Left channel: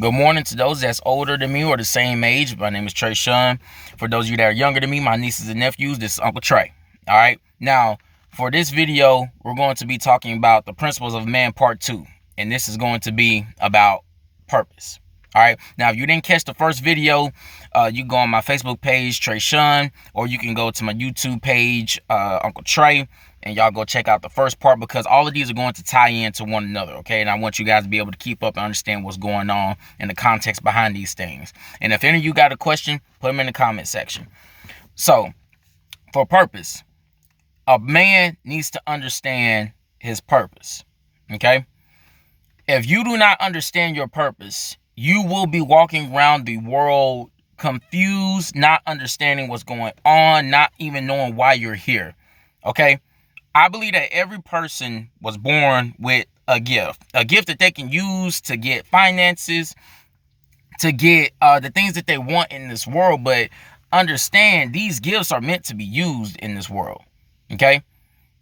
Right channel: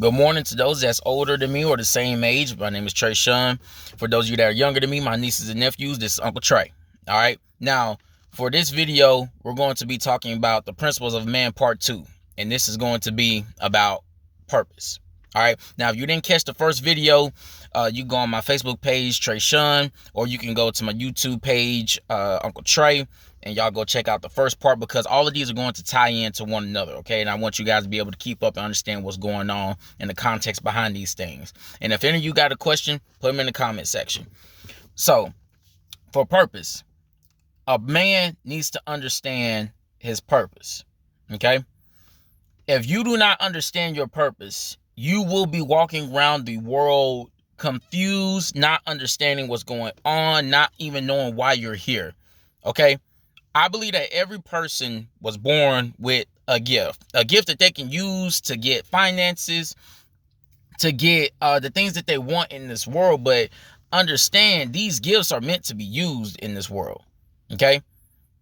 Good morning to those that's older than me or the same age. My name is Trey Sean. For those of you that are younger than me, my nieces and nephews, this is Uncle Trey. All right. Now, for this video, we're going to be talking about the principles of man part 2. And this is going to be about purpose. All right. Now, if you didn't catch the first video, you can go on my Facebook page, Trey Sean, or you can go to my YouTube page, Uncle Trey, and y'all go check out the first part, because all of these are going to tie into one another, okay? And I want you guys to be able to keep up and understand what's going on and the context behind these things. And if any of you got a question, put them in the comment section. So, for purpose, a man needs to understand his purpose, okay? If you do not understand your purpose, you will be walking around the world confused, not understanding what's going on, not even knowing why you're here, okay? I believe that every person was born with a gift that they can use to get finances, to get the things that they want in this world. But understand, these gifts are meant to be used in this world, okay?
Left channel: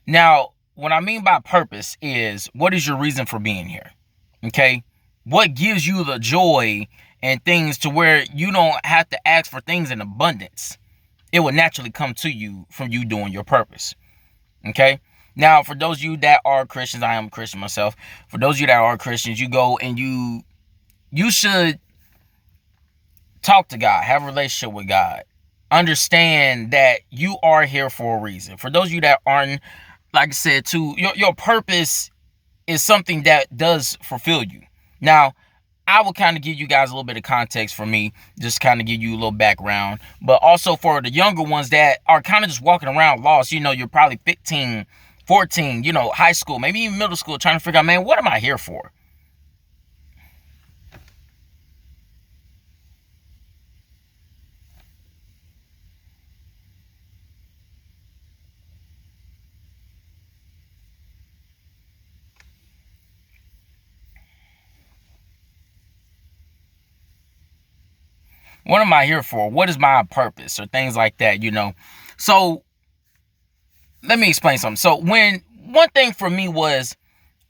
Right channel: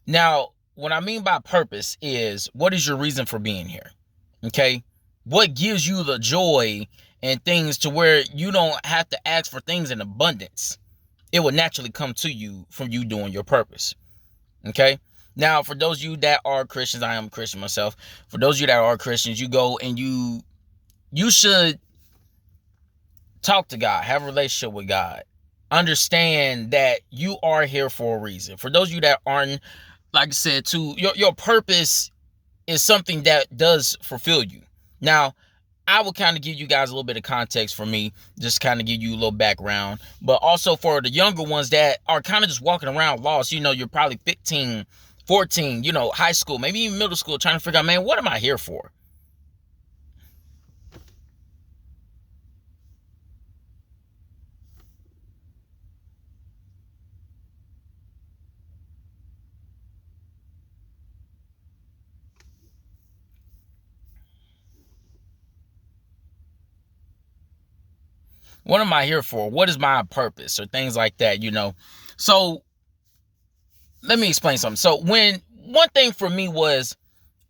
Now, what I mean by purpose is, what is your reason for being here, okay? What gives you the joy and things to where you don't have to ask for things in abundance? It will naturally come to you from you doing your purpose. Okay. Now, for those of you that are Christians, I am a Christian myself. For those of you that are Christians, you go and you should talk to God, have a relationship with God. Understand that you are here for a reason. For those of you that aren't, like I said, too, your purpose is something that does fulfill you. Now, I will kind of give you guys a little bit of context for me, just kind of give you a little background. But also for the younger ones that are kind of just walking around lost, you're probably 15, 14, high school, maybe even middle school, trying to figure out, man, what am I here for? What am I here for? What is my purpose? Or things like that, So let me explain something. So one thing for me was,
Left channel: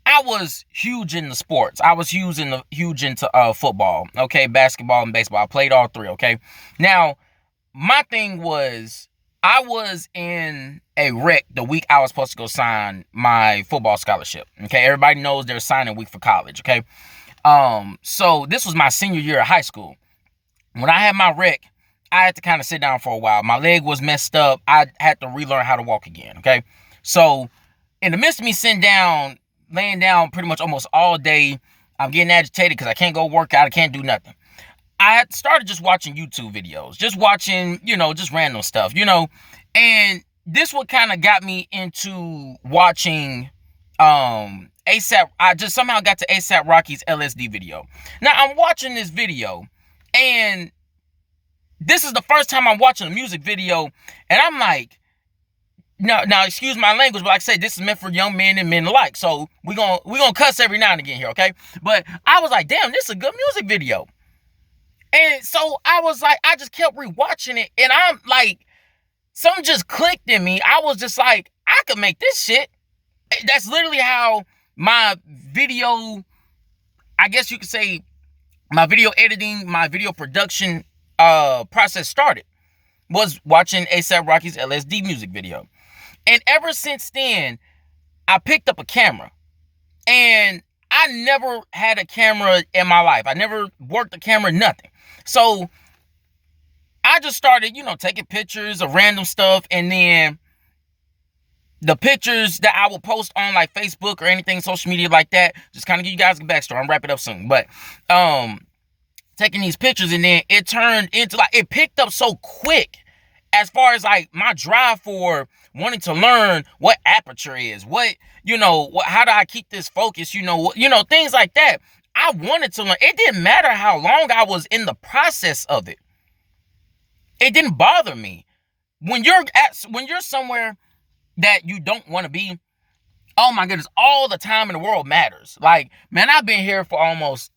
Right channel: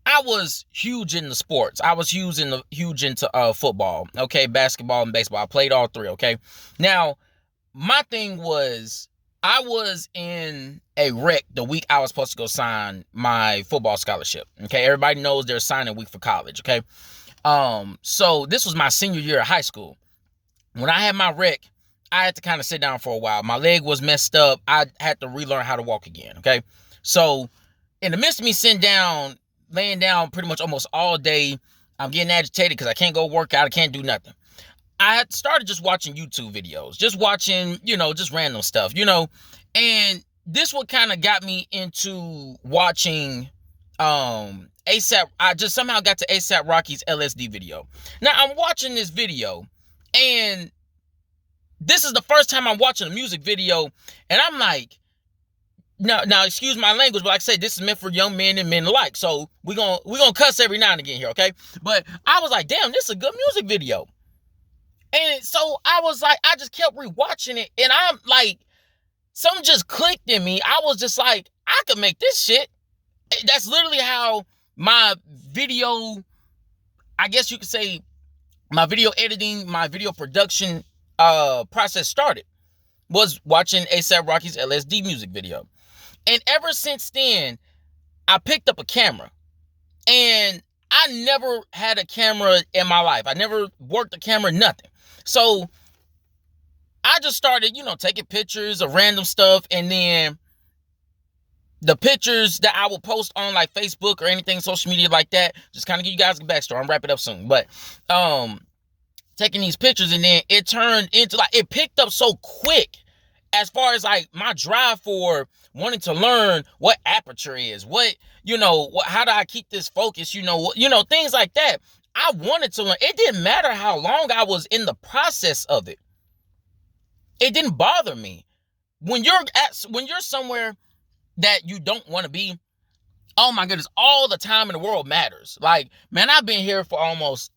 I was huge into sports. I was huge into football, okay, basketball and baseball. I played all three, okay. Now, my thing was, I was in a wreck the week I was supposed to go sign my football scholarship, okay. Everybody knows there's signing week for college, okay. So this was my senior year of high school. When I had my wreck, I had to kind of sit down for a while. My leg was messed up. I had to relearn how to walk again, okay? So in the midst of me sitting down, laying down pretty much almost all day, I'm getting agitated because I can't go work out. I can't do nothing. I had started just watching YouTube videos, just watching, just random stuff, and this what kind of got me into watching ASAP. I just somehow got to ASAP Rocky's LSD video. Now I'm watching this video, and this is the first time I'm watching a music video, and I'm like, now excuse my language, but like I say, this is meant for young men and men alike. So we're gonna cuss every now and again here, okay? But I was like, damn, this is a good music video. And so I was like, I just kept rewatching it, and I'm like, something just clicked in me. I was just like, I could make this shit. That's literally how my video, I guess you could say, my video editing, my video production process started, was watching ASAP Rocky's LSD music video. And ever since then, I picked up a camera. And I never had a camera in my life. I never worked a camera, nothing. So I just started, taking pictures of random stuff. And then the pictures that I will post on like Facebook or anything, social media like that, just kind of give you guys a backstory. I'm wrapping up soon. But taking these pictures, and then it turned into it picked up so quick as far as like my drive for wanting to learn what aperture is, how do I keep this focus, things like that. I wanted to learn. It didn't matter how long I was in the process of it. It didn't bother me. When you're somewhere that you don't want to be, oh my goodness, all the time in the world matters. Like, man, I've been here for almost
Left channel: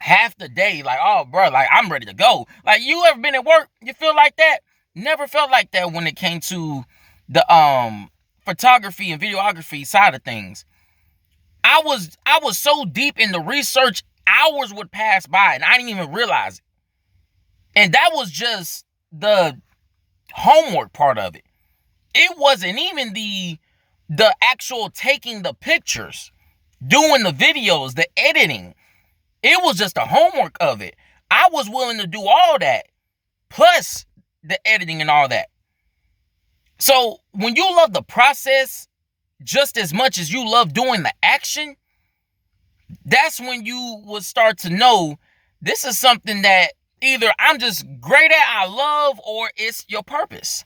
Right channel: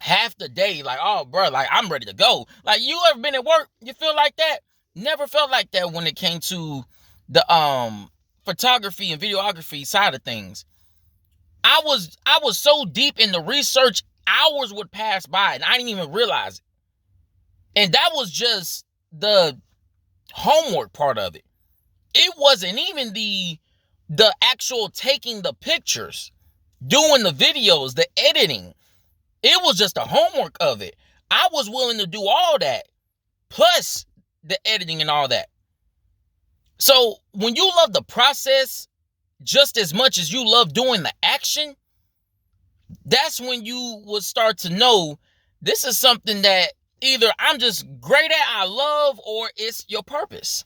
half the day, like, oh, bro, like, I'm ready to go. Like, you ever been at work, you feel like that? Never felt like that when it came to the photography and videography side of things. I was so deep in the research hours would pass by and I didn't even realize it. And that was just the homework part of it. It wasn't even the actual taking the pictures, doing the videos, the editing. It was just the homework of it. I was willing to do all that, plus the editing and all that. So when you love the process just as much as you love doing the action, that's when you will start to know this is something that either I'm just great at, I love, or it's your purpose.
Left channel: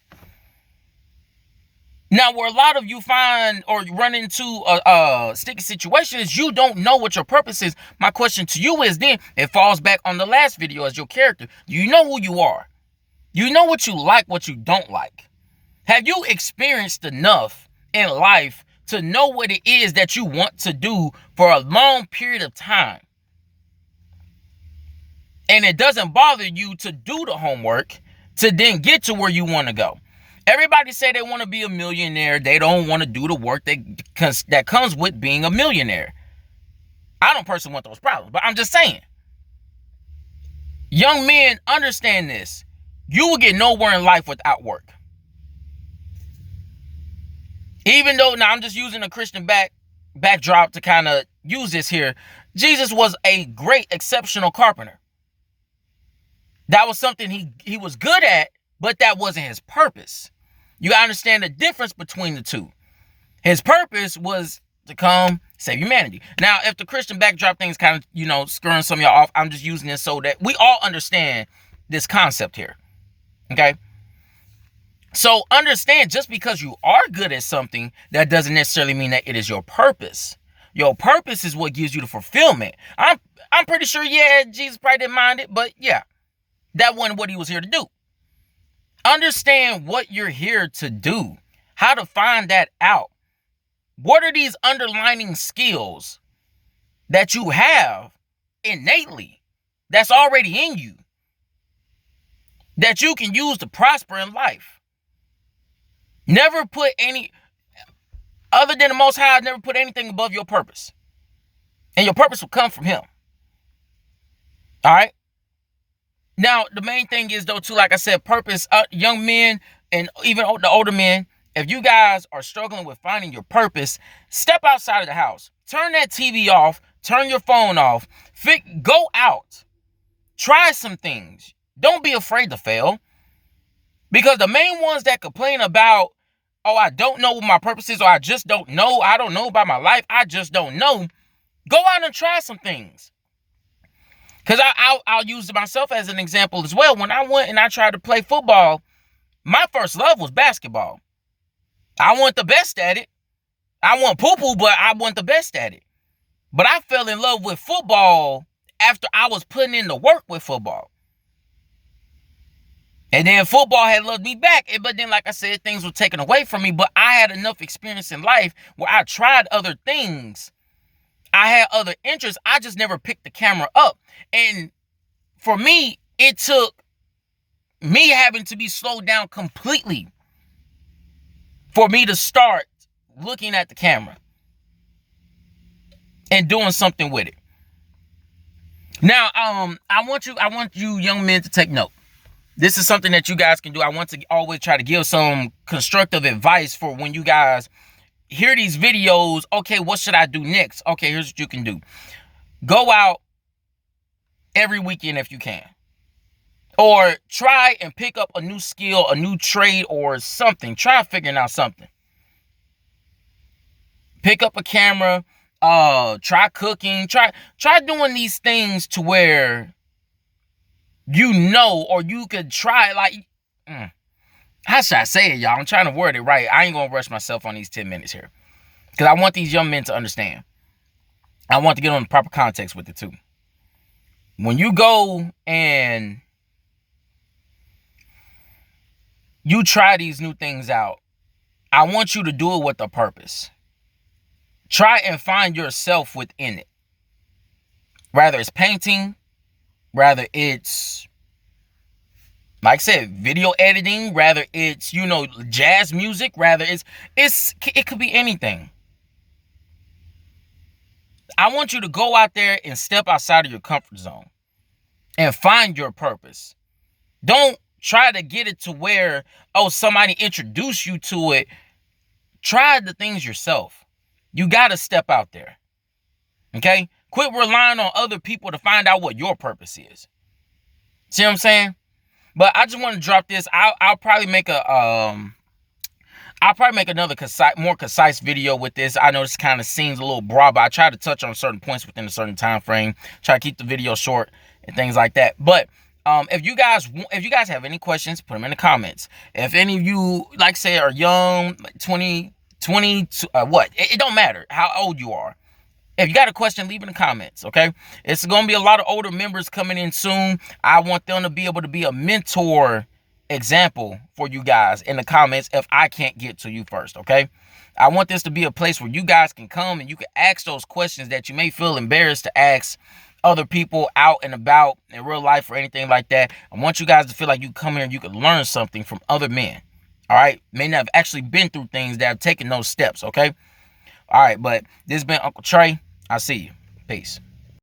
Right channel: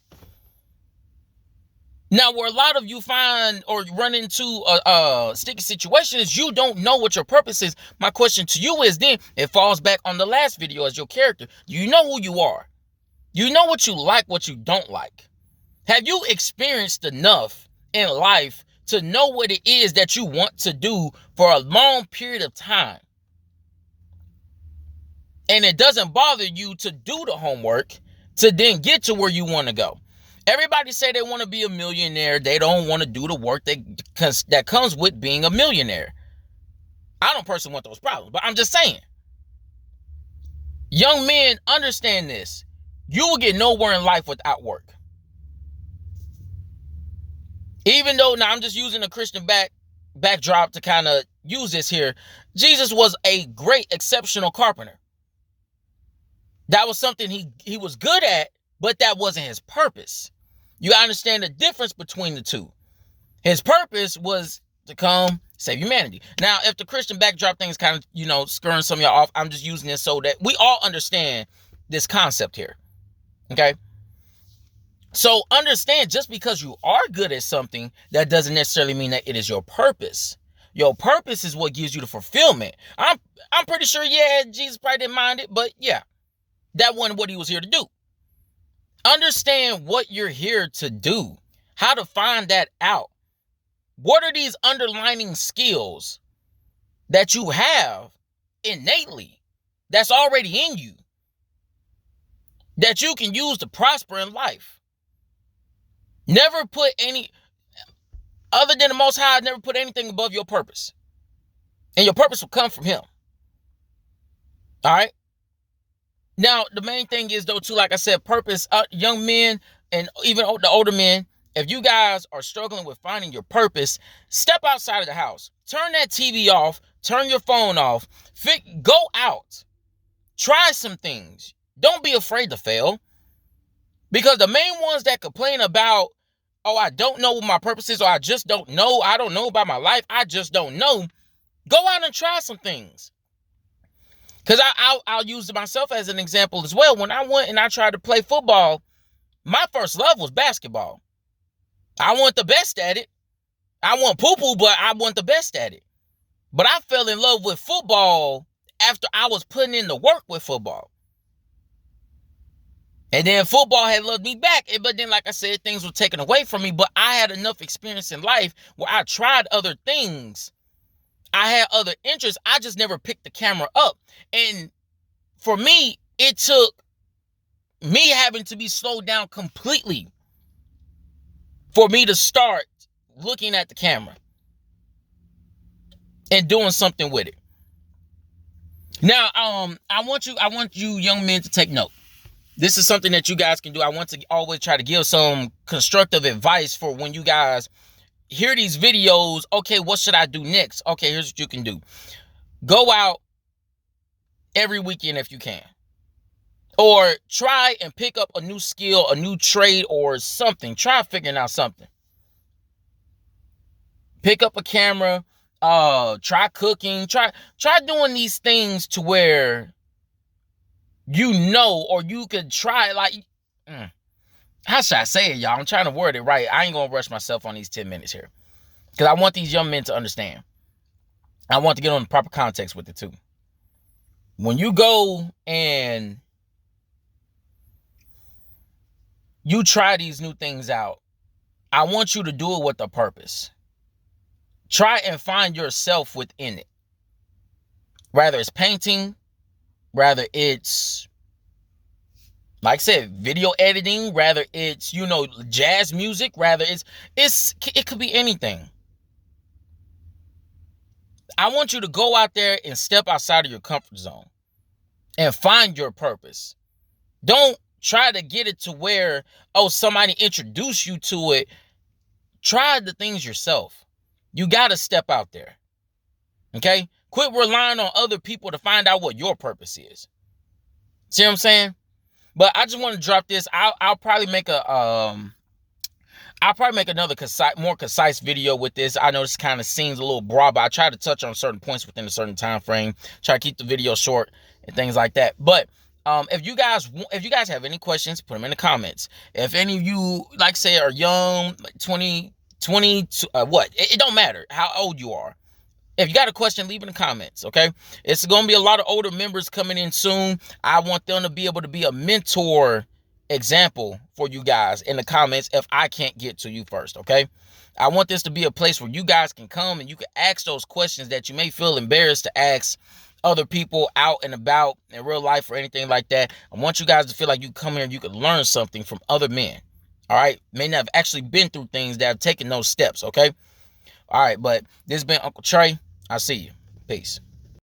Now, where a lot of you find or run into a sticky situation is you don't know what your purpose is. My question to you is then, it falls back on the last video as your character. You know who you are. You know what you like, what you don't like. Have you experienced enough in life to know what it is that you want to do for a long period of time? And it doesn't bother you to do the homework to then get to where you want to go. Everybody say they want to be a millionaire. They don't want to do the work that comes with being a millionaire. I don't personally want those problems, but I'm just saying. Young men, understand this. You will get nowhere in life without work. Even though, now I'm just using a Christian backdrop to kind of use this here. Jesus was a great, exceptional carpenter. That was something he was good at, but that wasn't his purpose. You understand the difference between the two. His purpose was to come save humanity. Now, if the Christian backdrop thing is kind of, screwing some of y'all off, I'm just using this so that we all understand this concept here. Okay? So understand, just because you are good at something, that doesn't necessarily mean that it is your purpose. Your purpose is what gives you the fulfillment. I'm pretty sure, Jesus probably didn't mind it, but yeah, that wasn't what he was here to do. Understand what you're here to do, how to find that out. What are these underlining skills that you have innately, that's already in you, that you can use to prosper in life? Never put any, other than the Most High, never put anything above your purpose. And your purpose will come from him. All right? Now, the main thing is, though, too, like I said, purpose, young men and even the older men, if you guys are struggling with finding your purpose, step outside of the house. Turn that TV off. Turn your phone off. Go out. Try some things. Don't be afraid to fail. Because the main ones that complain about, oh, I don't know what my purpose is, or I just don't know, I don't know about my life, I just don't know, go out and try some things. Because I'll use myself as an example as well. When I went and I tried to play football, my first love was basketball. I wasn't the best at it. I wasn't poo-poo, but I wasn't the best at it. But I fell in love with football after I was putting in the work with football. And then football had loved me back. But then, like I said, things were taken away from me. But I had enough experience in life where I tried other things. I had other interests. I just never picked the camera up. And for me, it took me having to be slowed down completely for me to start looking at the camera and doing something with it. Now, I want you young men to take note. This is something that you guys can do. I want to always try to give some constructive advice for when you guys hear these videos. Okay, what should I do next? Okay, here's what you can do. Go out every weekend if you can. Or try and pick up a new skill, a new trade, or something. Try figuring out something. Pick up a camera. Try cooking. Try doing these things to where or you could try, like, how should I say it, y'all? I'm trying to word it right. I ain't gonna rush myself on these 10 minutes here, because I want these young men to understand. I want to get on the proper context with it too. When you go and you try these new things out, I want you to do it with a purpose. Try and find yourself within it. Rather it's painting, rather it's, like I said, video editing, rather it's, jazz music, rather it could be anything. I want you to go out there and step outside of your comfort zone and find your purpose. Don't try to get it to where, oh, somebody introduced you to it. Try the things yourself. You got to step out there. Okay? Quit relying on other people to find out what your purpose is. See what I'm saying? But I just want to drop this. I'll probably make another more concise video with this. I know this kind of seems a little broad, but I try to touch on certain points within a certain time frame. Try to keep the video short and things like that. But if you guys have any questions, put them in the comments. If any of you, like say, are young, 20, what? It don't matter how old you are. If you got a question, leave in the comments, okay? It's going to be a lot of older members coming in soon. I want them to be able to be a mentor example for you guys in the comments if I can't get to you first, okay? I want this to be a place where you guys can come and you can ask those questions that you may feel embarrassed to ask other people out and about in real life or anything like that. I want you guys to feel like you come here and you can learn something from other men, all right? May not have actually been through things that have taken those steps, okay? All right, but this has been Uncle Trey. I'll see you. Peace.